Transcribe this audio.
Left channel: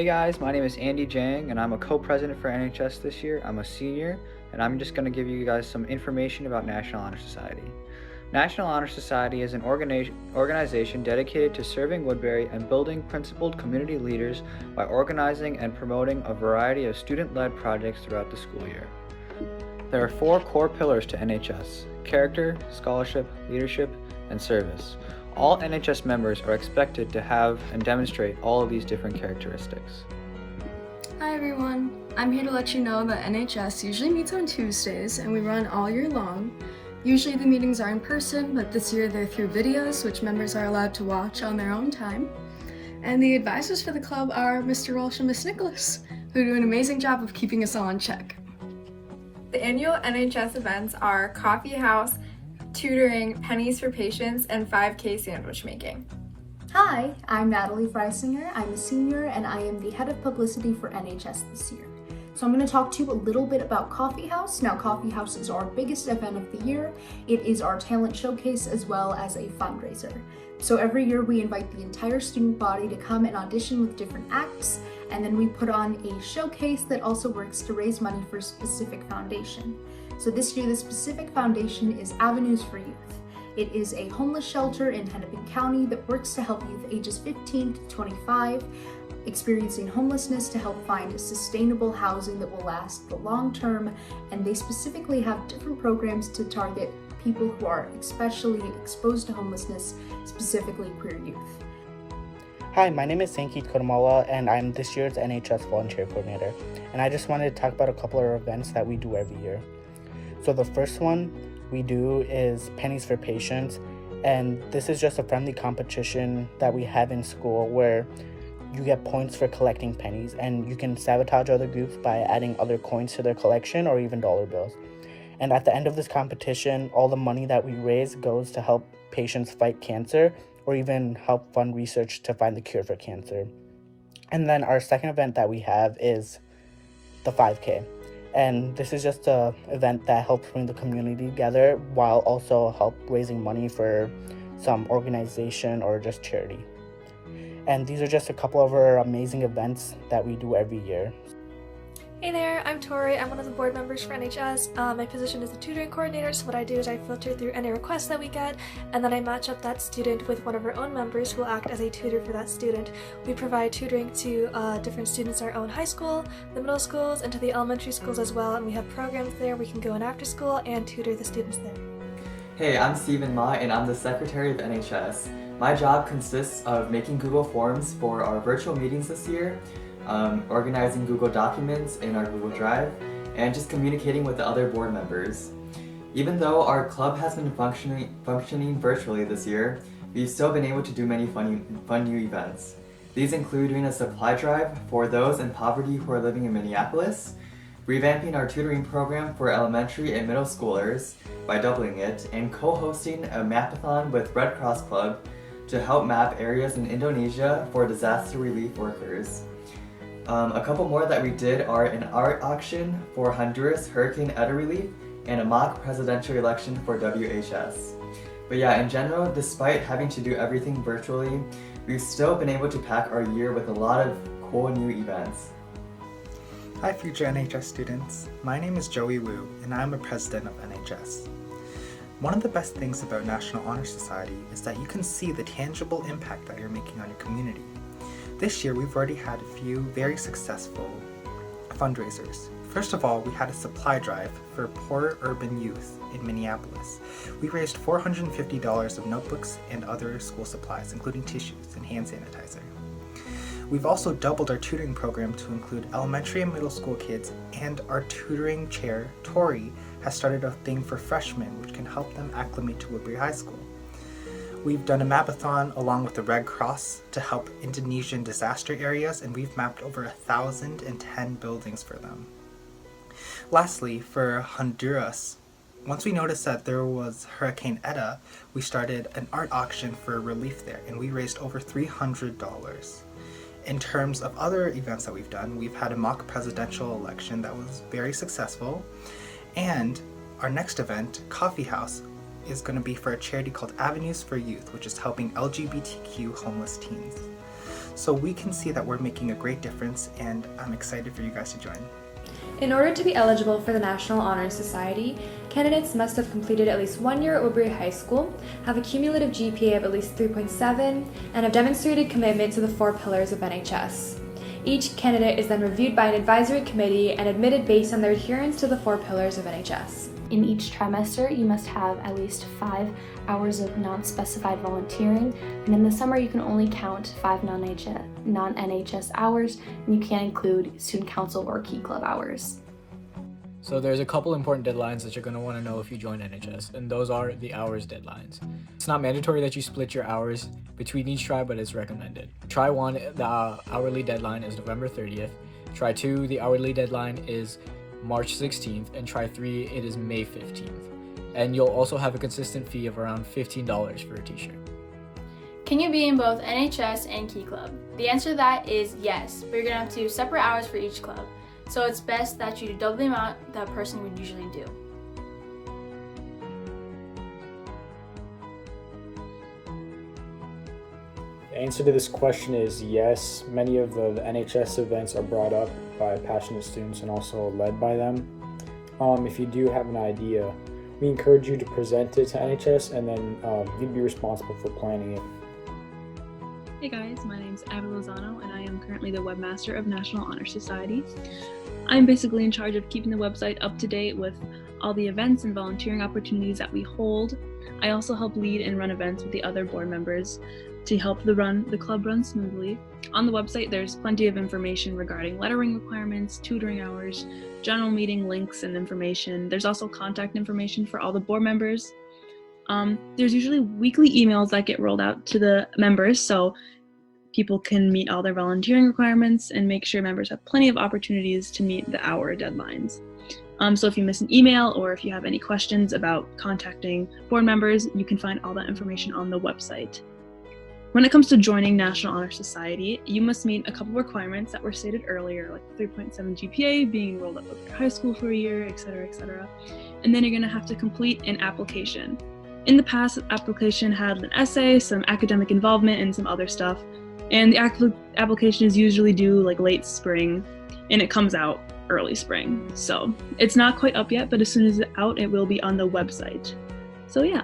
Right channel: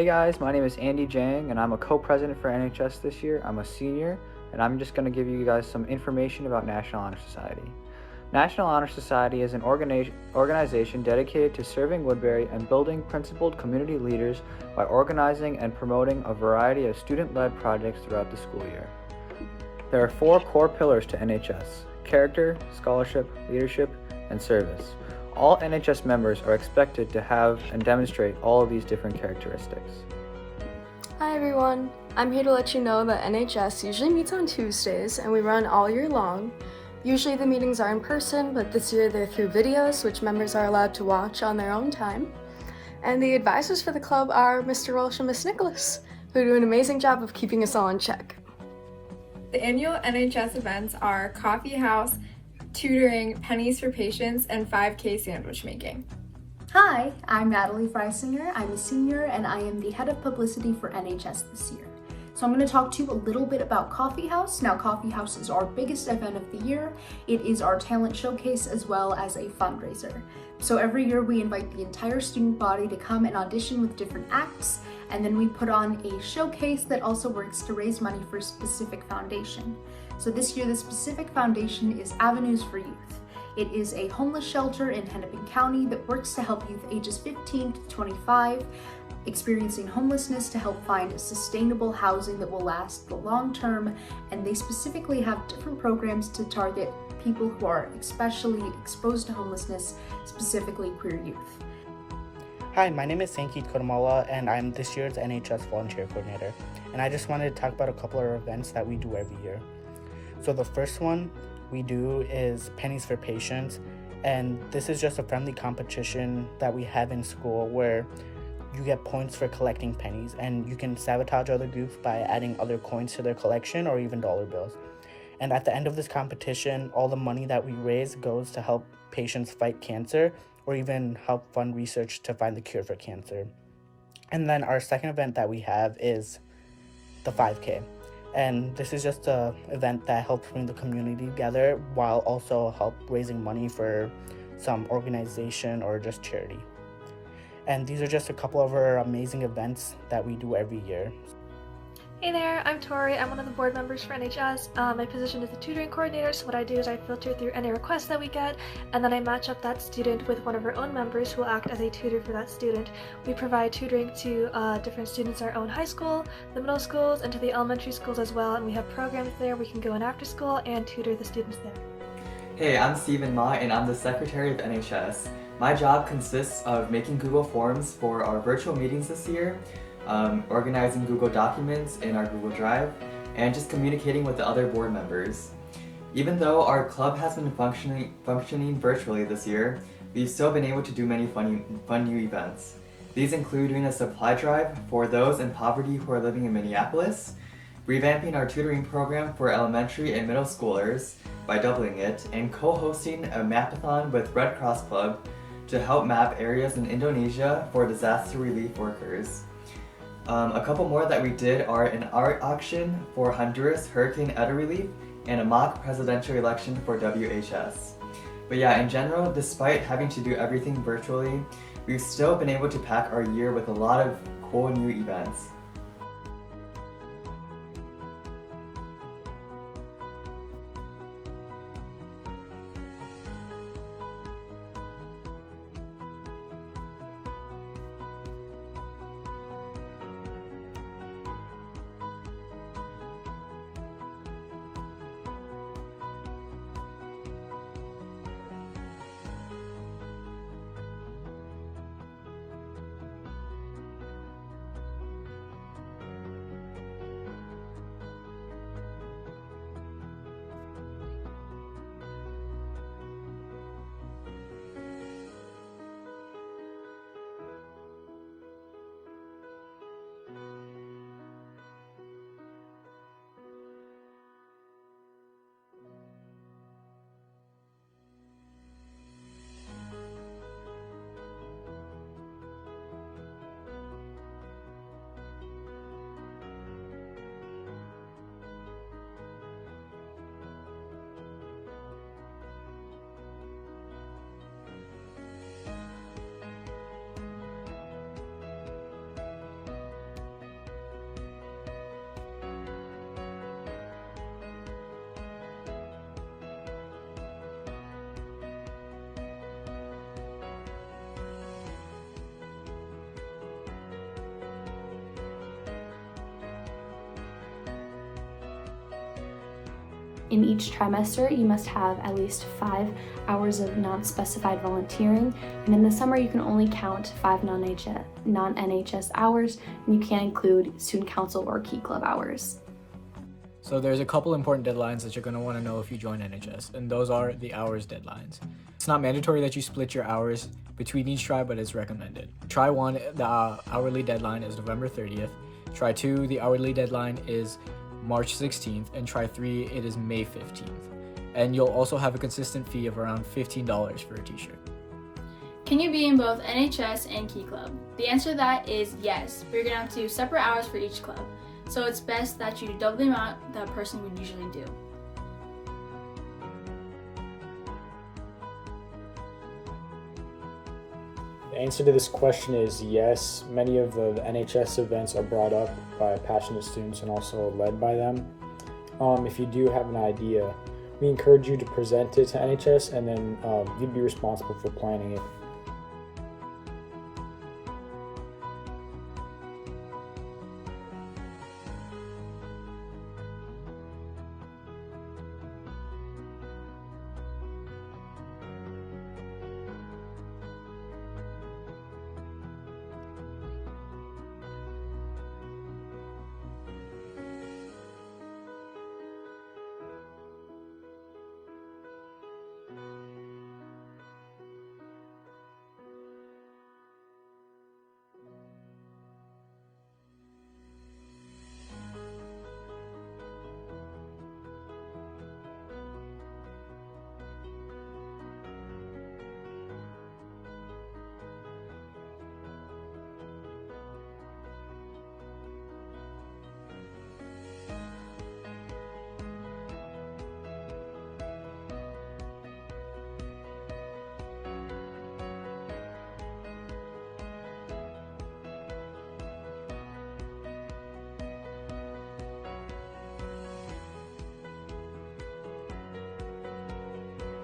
Hey guys, my name is Andy Jang and I'm a co-president for NHS this year. I'm a senior and I'm just going to give you guys some information about National Honor Society. National Honor Society is an organization dedicated to serving Woodbury and building principled community leaders by organizing and promoting a variety of student-led projects throughout the school year. There are 4 core pillars to NHS: character, scholarship, leadership, and service. All NHS members are expected to have and demonstrate all of these different characteristics. Hi everyone, I'm here to let you know that NHS usually meets on Tuesdays and we run all year long. Usually the meetings are in person, but this year they're through videos which members are allowed to watch on their own time. And the advisors for the club are Mr. Walsh and Miss Nicholas, who do an amazing job of keeping us all in check. The annual NHS events are coffee house, tutoring, pennies for patients, and 5K sandwich making. Hi, I'm Natalie Freisinger. I'm a senior and I am the head of publicity for NHS this year. So I'm going to talk to you a little bit about Coffee House. Now, Coffee House is our biggest event of the year. It is our talent showcase as well as a fundraiser. So every year we invite the entire student body to come and audition with different acts, and then we put on a showcase that also works to raise money for a specific foundation. So this year the specific foundation is Avenues for Youth. It is a homeless shelter in Hennepin County that works to help youth ages 15 to 25 experiencing homelessness to help find sustainable housing that will last the long term, and they specifically have different programs to target people who are especially exposed to homelessness, specifically queer youth. Hi, my name is Sankit Kodamala and I'm this year's NHS Volunteer Coordinator, and I just wanted to talk about a couple of events that we do every year. So the first one we do is Pennies for Patients, and this is just a friendly competition that we have in school where you get points for collecting pennies, and you can sabotage other groups by adding other coins to their collection or even dollar bills. And at the end of this competition, all the money that we raise goes to help patients fight cancer or even help fund research to find the cure for cancer. And then our second event that we have is the 5K. And this is just an event that helps bring the community together while also help raising money for some organization or just charity. And these are just a couple of our amazing events that we do every year. Hey there, I'm Tori. I'm one of the board members for NHS. My position is the tutoring coordinator, so what I do is I filter through any requests that we get, and then I match up that student with one of our own members who will act as a tutor for that student. We provide tutoring to different students in our own high school, the middle schools, and to the elementary schools as well, and we have programs there. We can go in after school and tutor the students there. Hey, I'm Stephen Ma and I'm the Secretary of NHS. My job consists of making Google Forms for our virtual meetings this year, organizing Google Documents in our Google Drive, and just communicating with the other board members. Even though our club has been functioning virtually this year, we've still been able to do many fun new events. These include doing a supply drive for those in poverty who are living in Minneapolis, revamping our tutoring program for elementary and middle schoolers by doubling it, and co-hosting a mapathon with Red Cross Club to help map areas in Indonesia for disaster relief workers. A couple more that we did are an art auction for Honduras Hurricane Eta relief and a mock presidential election for WHS. But yeah, in general, despite having to do everything virtually, we've still been able to pack our year with a lot of cool new events. Hi future NHS students, my name is Joey Wu and I'm a president of NHS. One of the best things about National Honor Society is that you can see the tangible impact that you're making on your community. This year we've already had a few very successful fundraisers. First of all, we had a supply drive for poor urban youth in Minneapolis. We raised $450 of notebooks and other school supplies, including tissues and hand sanitizer. We've also doubled our tutoring program to include elementary and middle school kids, and our tutoring chair, Tori, has started a thing for freshmen which can help them acclimate to Woodbury High School. We've done a mapathon along with the Red Cross to help Indonesian disaster areas, and we've mapped over 1,010 buildings for them. Lastly, for Honduras, once we noticed that there was Hurricane Eta, we started an art auction for relief there, and we raised over $300. In terms of other events that we've done, we've had a mock presidential election that was very successful, and our next event, Coffee House, is going to be for a charity called Avenues for Youth, which is helping LGBTQ homeless teens. so we can see that we're making a great difference, and I'm excited for you guys to join. In order to be eligible for the National Honor Society, candidates must have completed at least 1 year at Woodbury High School, have a cumulative GPA of at least 3.7, and have demonstrated commitment to the 4 pillars of NHS. Each candidate is then reviewed by an advisory committee and admitted based on their adherence to the 4 pillars of NHS. In each trimester, you must have at least 5 hours of non-specified volunteering, and in the summer you can only count 5 non-NHS hours, and you can't include student council or key club hours. So there's a couple important deadlines that you're going to want to know if you join NHS, and those are the hours deadlines. It's not mandatory that you split your hours between each try, but it's recommended. Try 1, the hourly deadline is November 30th. Try 2, the hourly deadline is March 16th, and try 3, it is May 15th. And you'll also have a consistent fee of around $15 for a t-shirt. Can you be in both NHS and Key Club? The answer to that is yes, but you're going to have to do separate hours for each club. So it's best that you do double the amount that a person would usually do. The answer to this question is yes. Many of the NHS events are brought up by passionate students and also led by them. If you do have an idea, we encourage you to present it to NHS, and then you'd be responsible for planning it. Hey guys, my name is Abby Lozano, and I am currently the webmaster of National Honor Society. I'm basically in charge of keeping the website up to date with all the events and volunteering opportunities that we hold. I also help lead and run events with the other board members to help the club run smoothly. On the website, there's plenty of information regarding lettering requirements, tutoring hours, general meeting links and information. There's also contact information for all the board members. There's usually weekly emails that get rolled out to the members, so people can meet all their volunteering requirements and make sure members have plenty of opportunities to meet the hour deadlines. So if you miss an email or if you have any questions about contacting board members, you can find all that information on the website. When it comes to joining National Honor Society, you must meet a couple requirements that were stated earlier, like 3.7 GPA, being enrolled at Woodbury High School for a year, etc., etc. And then you're going to have to complete an application. In the past, the application had an essay, some academic involvement, and some other stuff. And the application is usually due like late spring, and it comes out early spring. So it's not quite up yet, but as soon as it's out, it will be on the website. So yeah.